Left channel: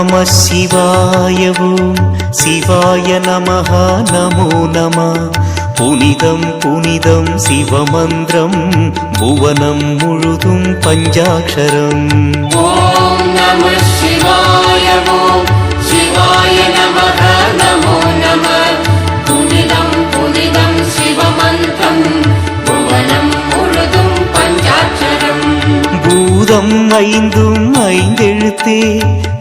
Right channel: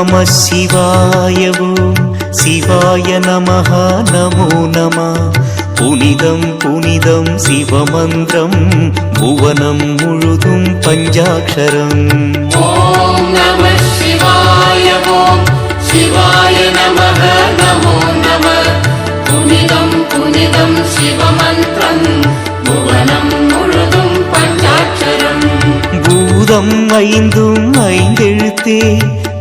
நம சிவாய ஓம் சிவாய நமஹ நமோ நம. புனிதம் புனிதம் சிவமந்திரம். புவனம் முழுதும் பஞ்சாட்சரம். சிவமந்திரம். புவனம் முழுதும் ஐந்தும் ஐந்தெழுத்தே.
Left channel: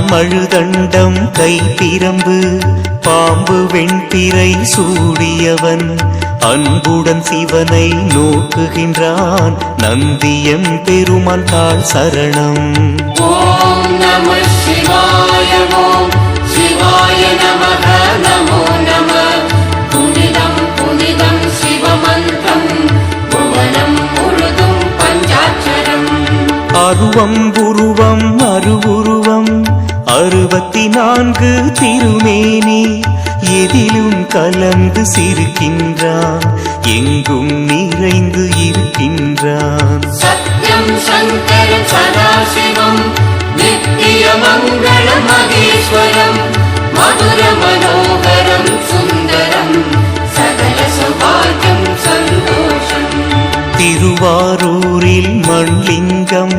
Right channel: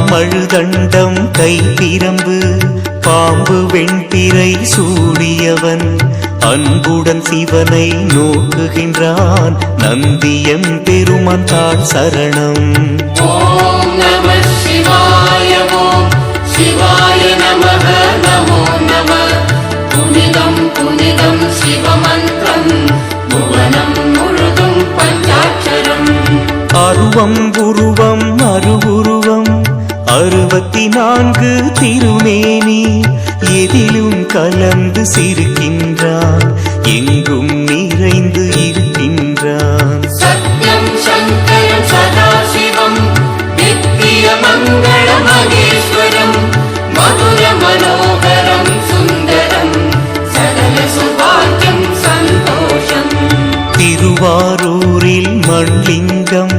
மான் மழுதண்டம் கை பிரம்பு பாம்பு வெண்பிறை சூடியவன். அன்புடன் சிவனை நோக்குகின்றான் நந்தியம் பெருமான் தாழ் சரணம். அருவம் உருவம் அருவுருவம் அறுபத்தி நான்கு திருமேனி எதிலும் கலந்து சிரிக்கின்றான் எங்கும் நிறைந்து இருக்கின்றான். சதாசிவம் நித்திய மங்கள மகேஸ்வரம் மதுர மனோகரம் சுந்தரம் சகல சுபாகம் சந்தோஷம். திருவாரூரில் மண்லிங்கம்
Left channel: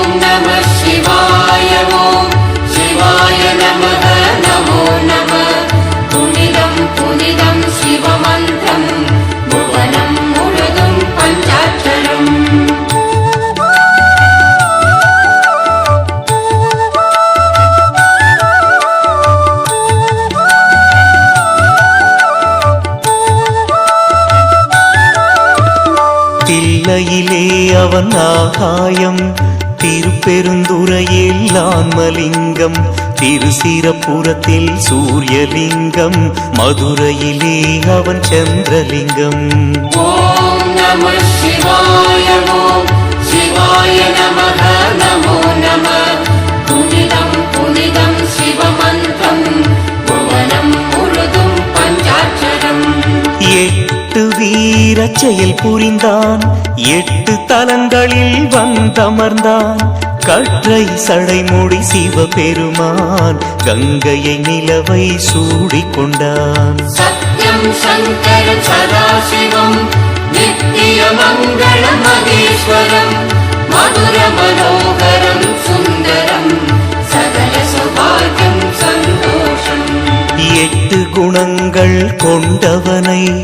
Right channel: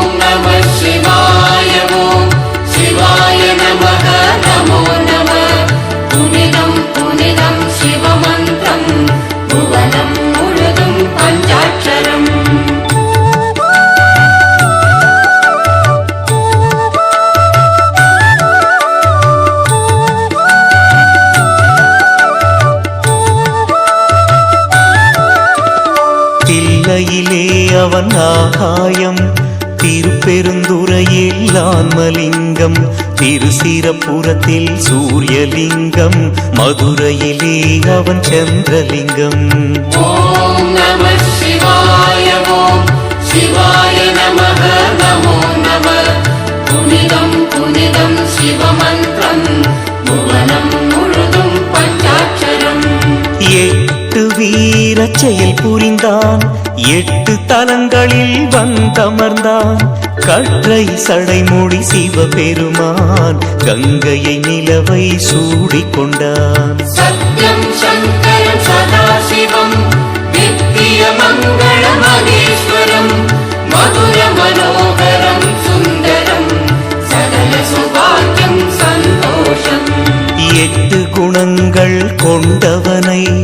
தில்லையிலே அவன் ஆகாயம். திருப்பெருந்துறையில் ஆன்மலிங்கம் திருசிரப்புறத்தில் சூரியலிங்கம். மதுரையிலே அவன் சந்திரலிங்கம். ॐ எட்டு வீர செயல் புரிந்தான். எட்டு தலங்களில் வந்தமர்ந்தான். கற்றை சடைமூடி சிவபெருமான் கங்கையை நிலவை சூடிக்கொண்டான் கொண்டான். எட்டு குணங்கள் கொண்டவனை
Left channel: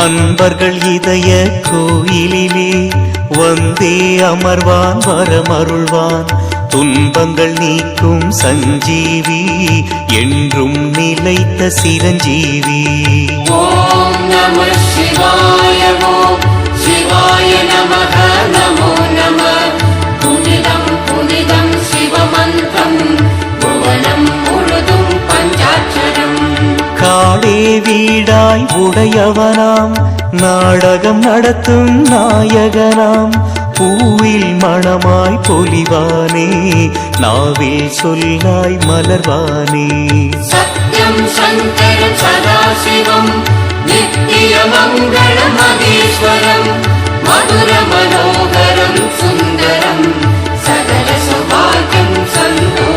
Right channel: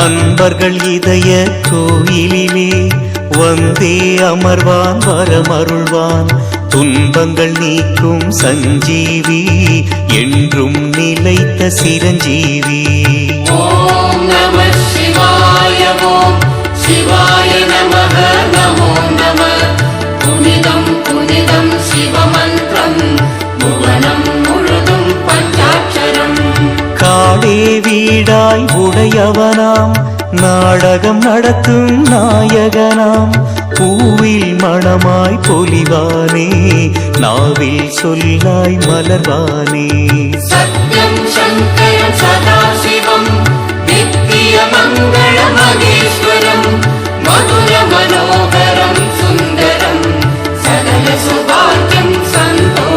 அன்பர்கள் இதய கோயிலிலே வந்தே அமர்வான் வரமருள்வான். துன்பங்கள் நீக்கும் சஞ்சீவி என்றும் நிலைத்த சிரஞ்சீவி. காடே வீடாய் உடையவனாம். நாடகம் நடத்தும் நாயகனாம். பூவில் மணமாய் பொலிவானே நாவில் சொல்லாய் மலர்வானே. சத்யம் சதாசிவம் நித்திய மங்கள மகேஸ்வரம் மதுர மனோகரம் சுந்தரம் சகல சுபாகியம் சந்தோஷம்.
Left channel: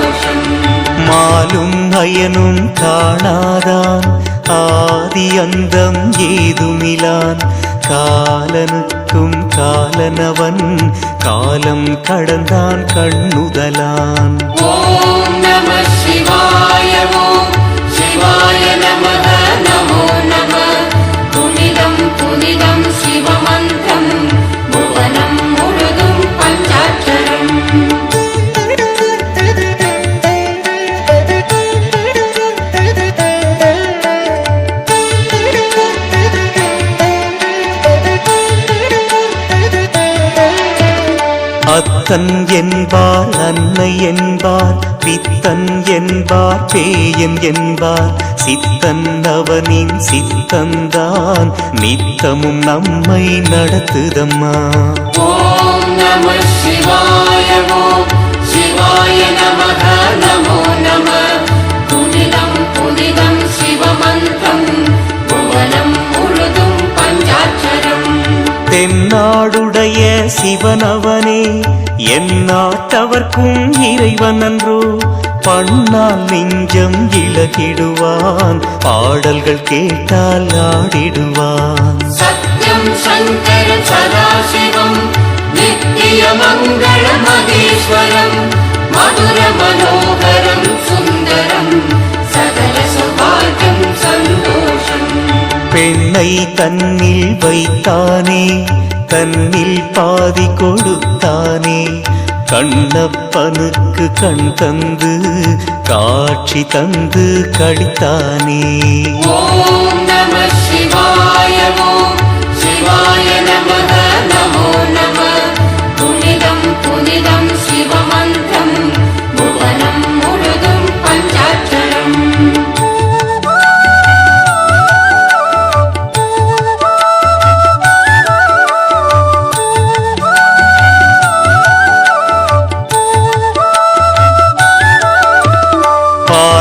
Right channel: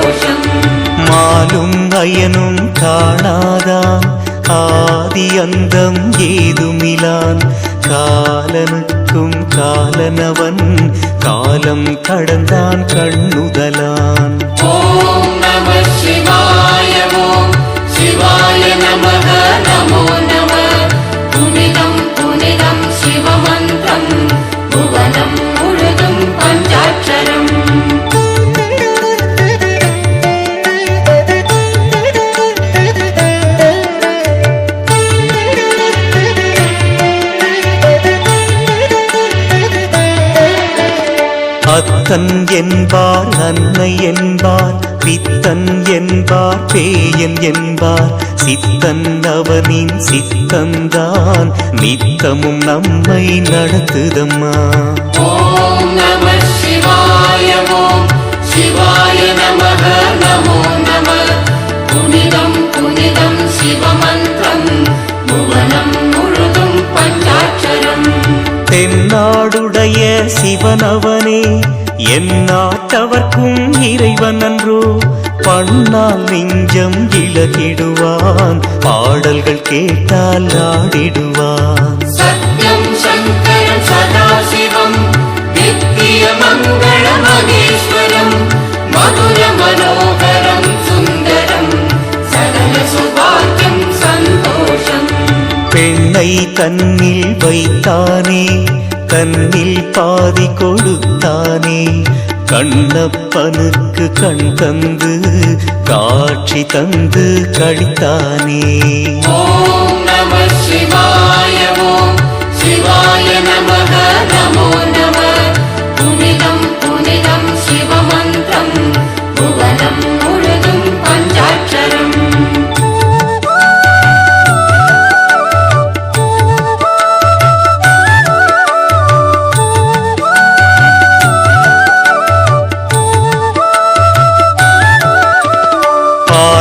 ஆலும் அயனும் காணாதான். ஆதி அந்தம் ஏதுமிலான். காலனுக்கும் காலனவன் காலம் கடந்தான் கண்ணுதலான். ஓம் நம சிவாய ஓம் சிவாய நம. அத்தன் என்பார் அன்னை என்பார் பித்தன் என்பார் பேயன் என்பார். சித்தன் அவனின் சித்தந்தான் நித்தமும் நம்மை நடத்துதம்மா. தென்னாடுடைய சிவனவனே என் நாட்டவர்க்கும் இறைவன் அன்றோ பண்ணால் நெஞ்சம் இழகிடுவான் பாடல்கள் கேட்டால் ஆடிடுவான். மதுர மனோகரம் சுந்தரம் சகல சுபாகம் பெண்ணை தன்னில் வைத்தானே தன்னில் பாதி கொடுத்தானே. கண்ணப்பனுக்கு கண் தந்து காட்சி தந்து கழித்தானே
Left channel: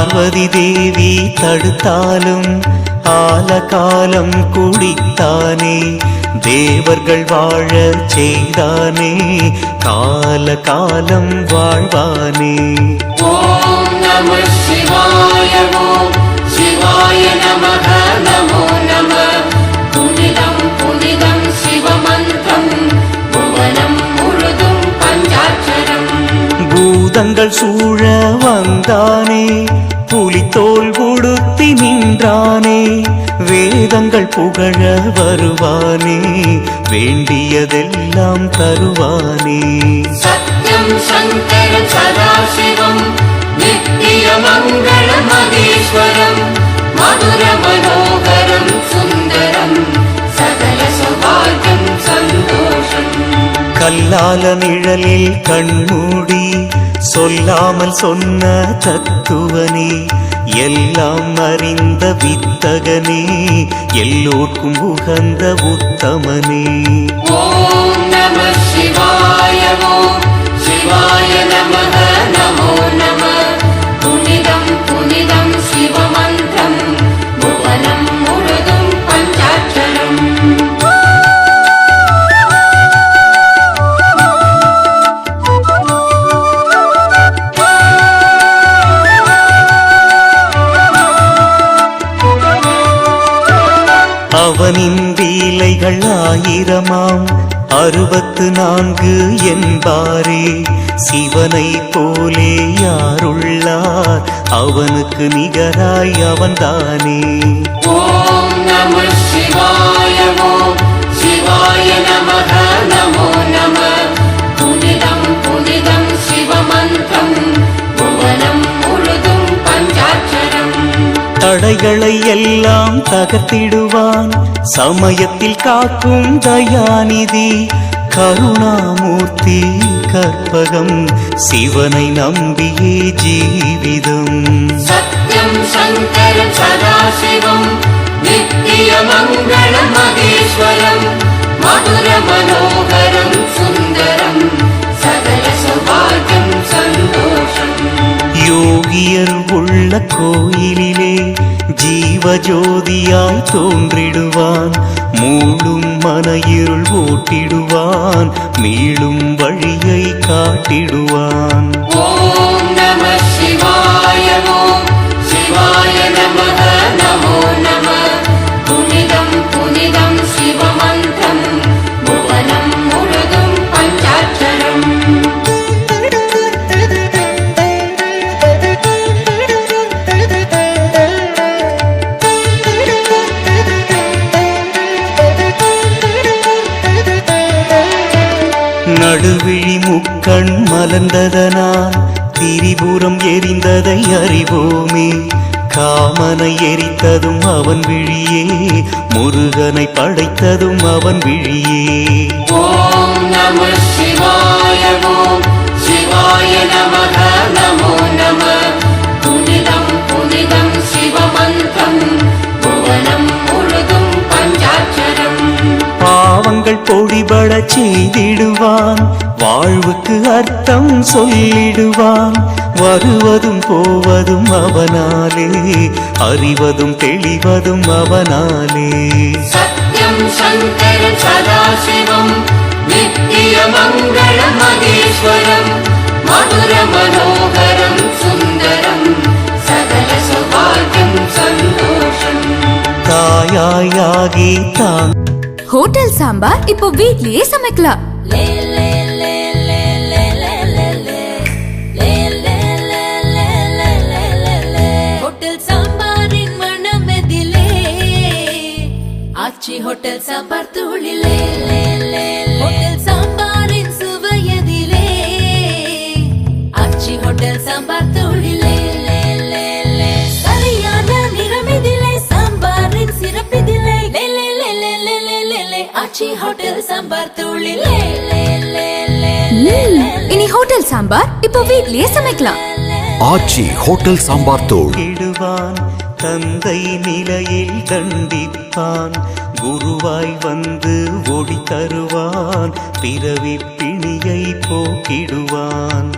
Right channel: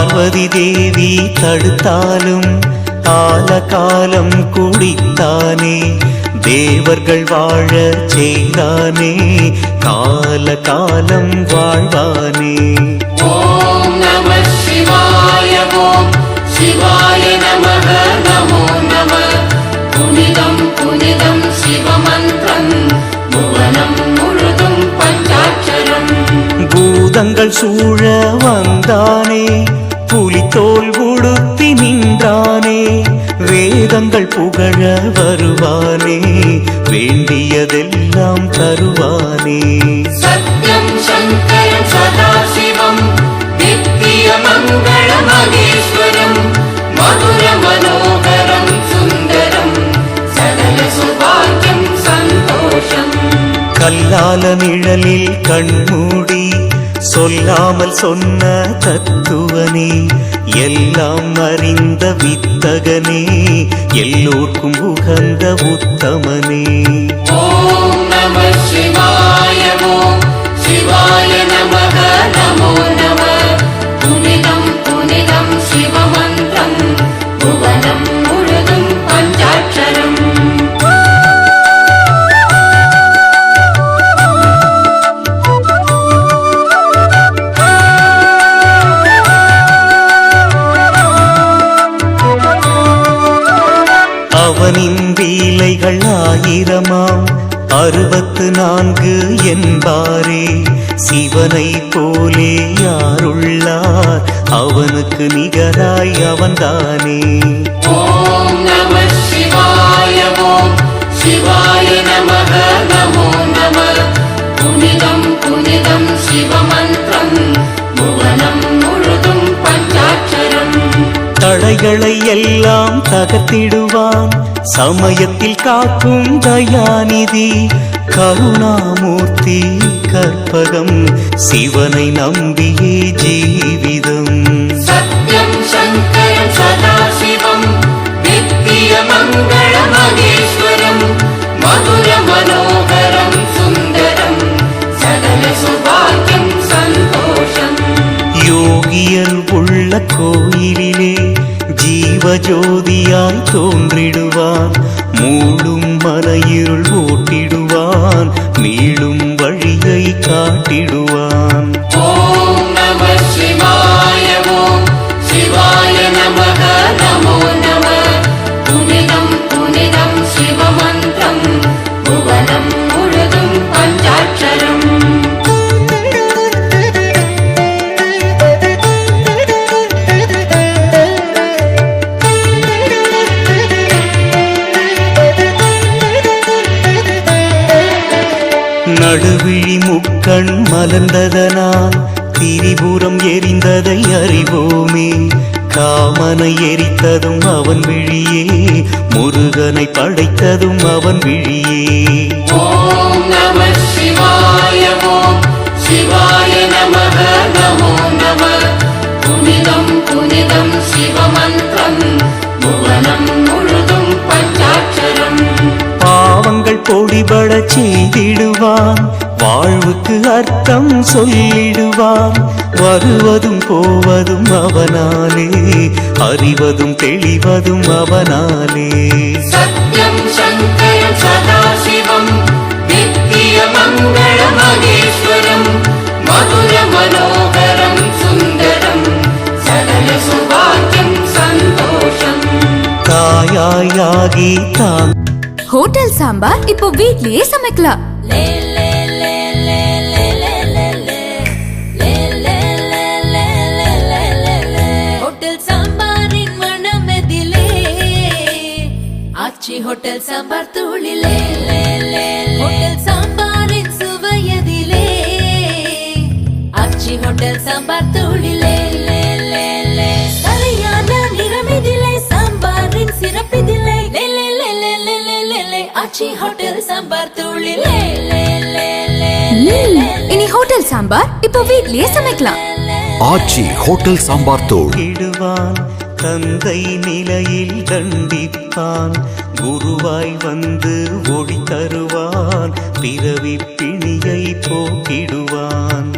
பார்வதி தேவி தடுத்தாலும் ஆலகாலம் குடித்தானே தேவர்கள் வாழ செய்தானே கால காலம் வாழ்வானே. ஓம் நம பஞ்சாட்சரம். பூதங்கள் சூழ வந்தானே புலித்தோல் உடுத்தி நின்றானே வேதங்கள் புகழ வருவானே வேண்டியதெல்லாம் தருவானே. சத்யம் சங்கரம் சதாசிவம் நித்திய மங்கள மகேஸ்வரம் மதுர மனோகரம் சுந்தரம் சகல சுபாகியம் சந்தோஷம். கல்லால நிழலில் கண்மூடி சொல்லாமல் சொன்ன தத்துவனே எல்லாம் அறிந்த வித்தகனே எல்லோர்க்கும் உகந்த உத்தமனே. ஓம் நம அவனின் வீலைகள் ஆயிரமாம். அறுபத்து நான்கு என்பாரே சிவனை போலே யாருள்ளார்? அவனுக்கு நிகராய் அவன்தானே. ॐ தடைகளை எல்லாம் தகர்த்திடுவான். சமயத்தில் காக்கும் தயாநிதி கருணாமூர்த்தி கற்பகம் சிவனை நம்பியே ஜீவிதம். சத்யம் மனோகரம் சுந்தரம் சகல சுபாகியம் சந்தோஷம். யோகியர் உள்ள கோயிலிலே ஜீவஜோதியாய் தோன்றிடுவான். மூளும் மன இருள் ஓட்டிடுவான். மீளும் வழியை காட்டிடுவான். நமோ நம. புனிதம் புனிதம் சிவம நடுவிழி முக்கண் மலர்ந்ததனால் திரிபுரம் எரிந்ததை அறிவோமே. காமனை எரித்ததும் அவன் விழியே. முருகனை படைத்ததும் அவன் விழியே. புனிதம் புனிதம் சிவமன் புகழ் பொடிபட செய்திடுவான். வாழ்வுக்கு அர்த்தம் சொல்லிடுவான். வருவதும் போவதும் அவனாலே அறிவதும் தெளிவதும் அவனாலே. சத்யம் சதாசிவம் நித்திய மங்கள மகேஸ்வரம் மதுர மனோகரம் சுந்தரம் சகல சுபாகியம் சந்தோஷம். தாயாயாகி தான் ஹோட்டல் சாம்பார் இப்போ வீட்லயே சமைக்கலாம். ஹோட்டல் ஆச்சி ஹோட்டல் சாம்பார் தூளிலே. ஹோட்டல் சாம்பாரின் சுவையதிலே ஆச்சி ஹோட்டல் சாம்பார் தூளிலே. ஹோட்டல் சாம்பார் தூளிலே. இனி ஹோட்டல் சாம்பார் இப்போ வீட்லயே சமைக்கலாம். ஆச்சி ஹோட்டல் சாம்பார் தூள். இடுவான் தந்தை நிலையில் தண்டிப்பான். குருவாய் வந்து ஒளி தருவான் பிறவி பிணியை போக்கிடுவான்.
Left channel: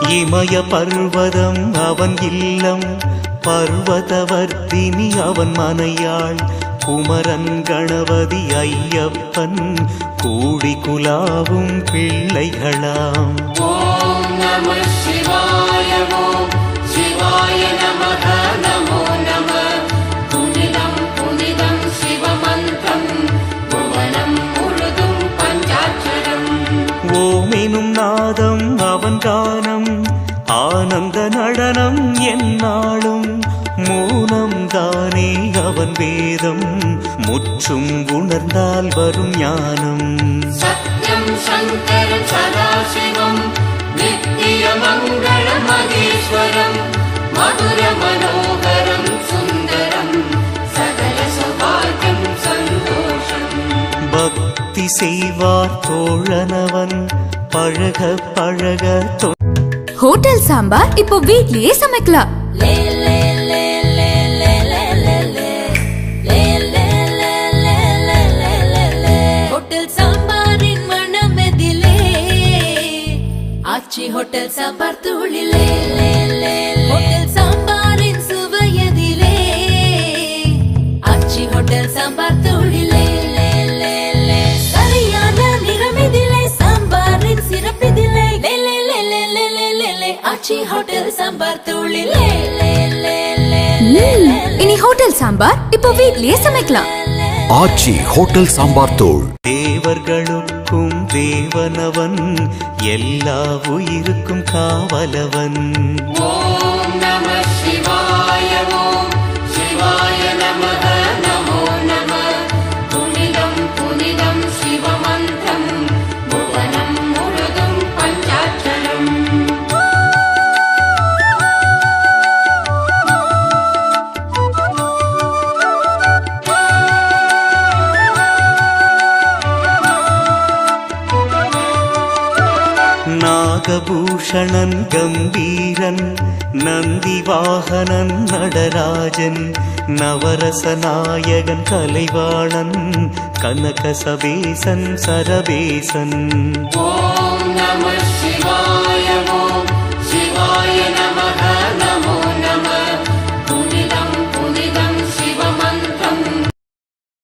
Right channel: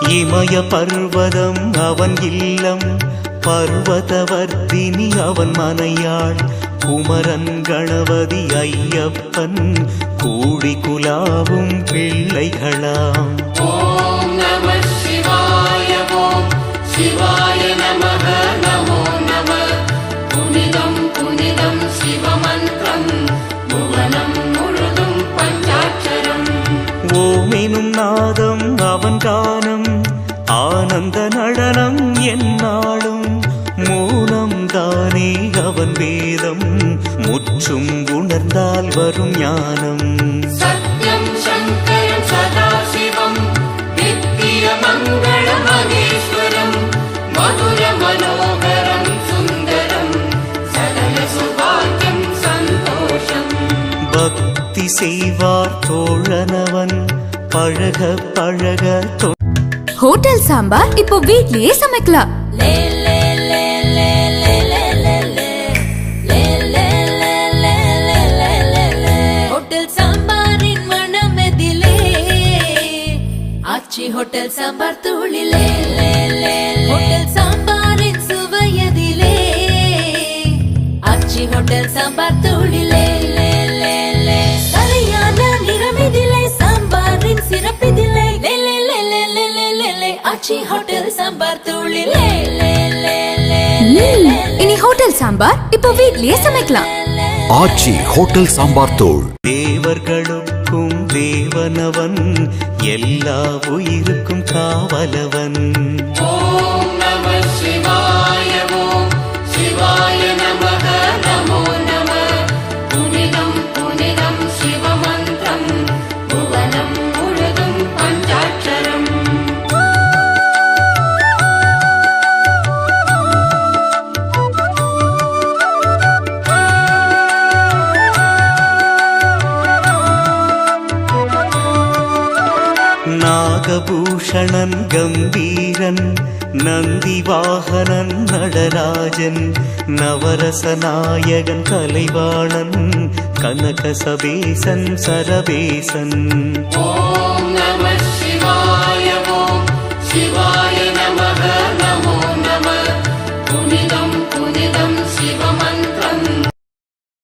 இமய பர்வதம் அவன் இல்லம். பர்வதவர்த்தினி அவன் மனையாள். குமரன் கணபதி ஐயப்பன். கூடி குலாவும் பிள்ளைகளாம். ஓமெனும் நாதம் அவன் கானம் ஆனந்த நடனம் என்னாலும் மூலம் தானே அவன் வேதம் முற்றும் உணர்ந்தால் வரும் ஞானம். மதுர மனோ பக்தி செய்வார் தோழனவன். பழக பழக ஹோட்டல் சாம்பார் இப்போ வீட்லயே சமைக்கலாம். ஹோட்டல் சாம்பார் தூளிலே. ஹோட்டல் சாம்பாரின் சுவையதிலே ஆச்சி ஹோட்டல் சாம்பார் தூளிலே. ஆச்சி ஹோட்டல் சாம்பார் தூளிலே இனி ஹோட்டல் சாம்பார் இப்போ வீட்லயே சமைக்கலாம் ஆச்சி ஹோட்டல் சாம்பார் தூள் தேவர்களுக்கும் தேவனவன் எல்லா உயிருக்கும் காவலவன் நாகபூஷணன் கம்பீரன் நந்திவாகனன் நடராஜன் நவரசநாயகன் கலைவாணன் கனகசபேசன் சரபேசன். ஓம் நம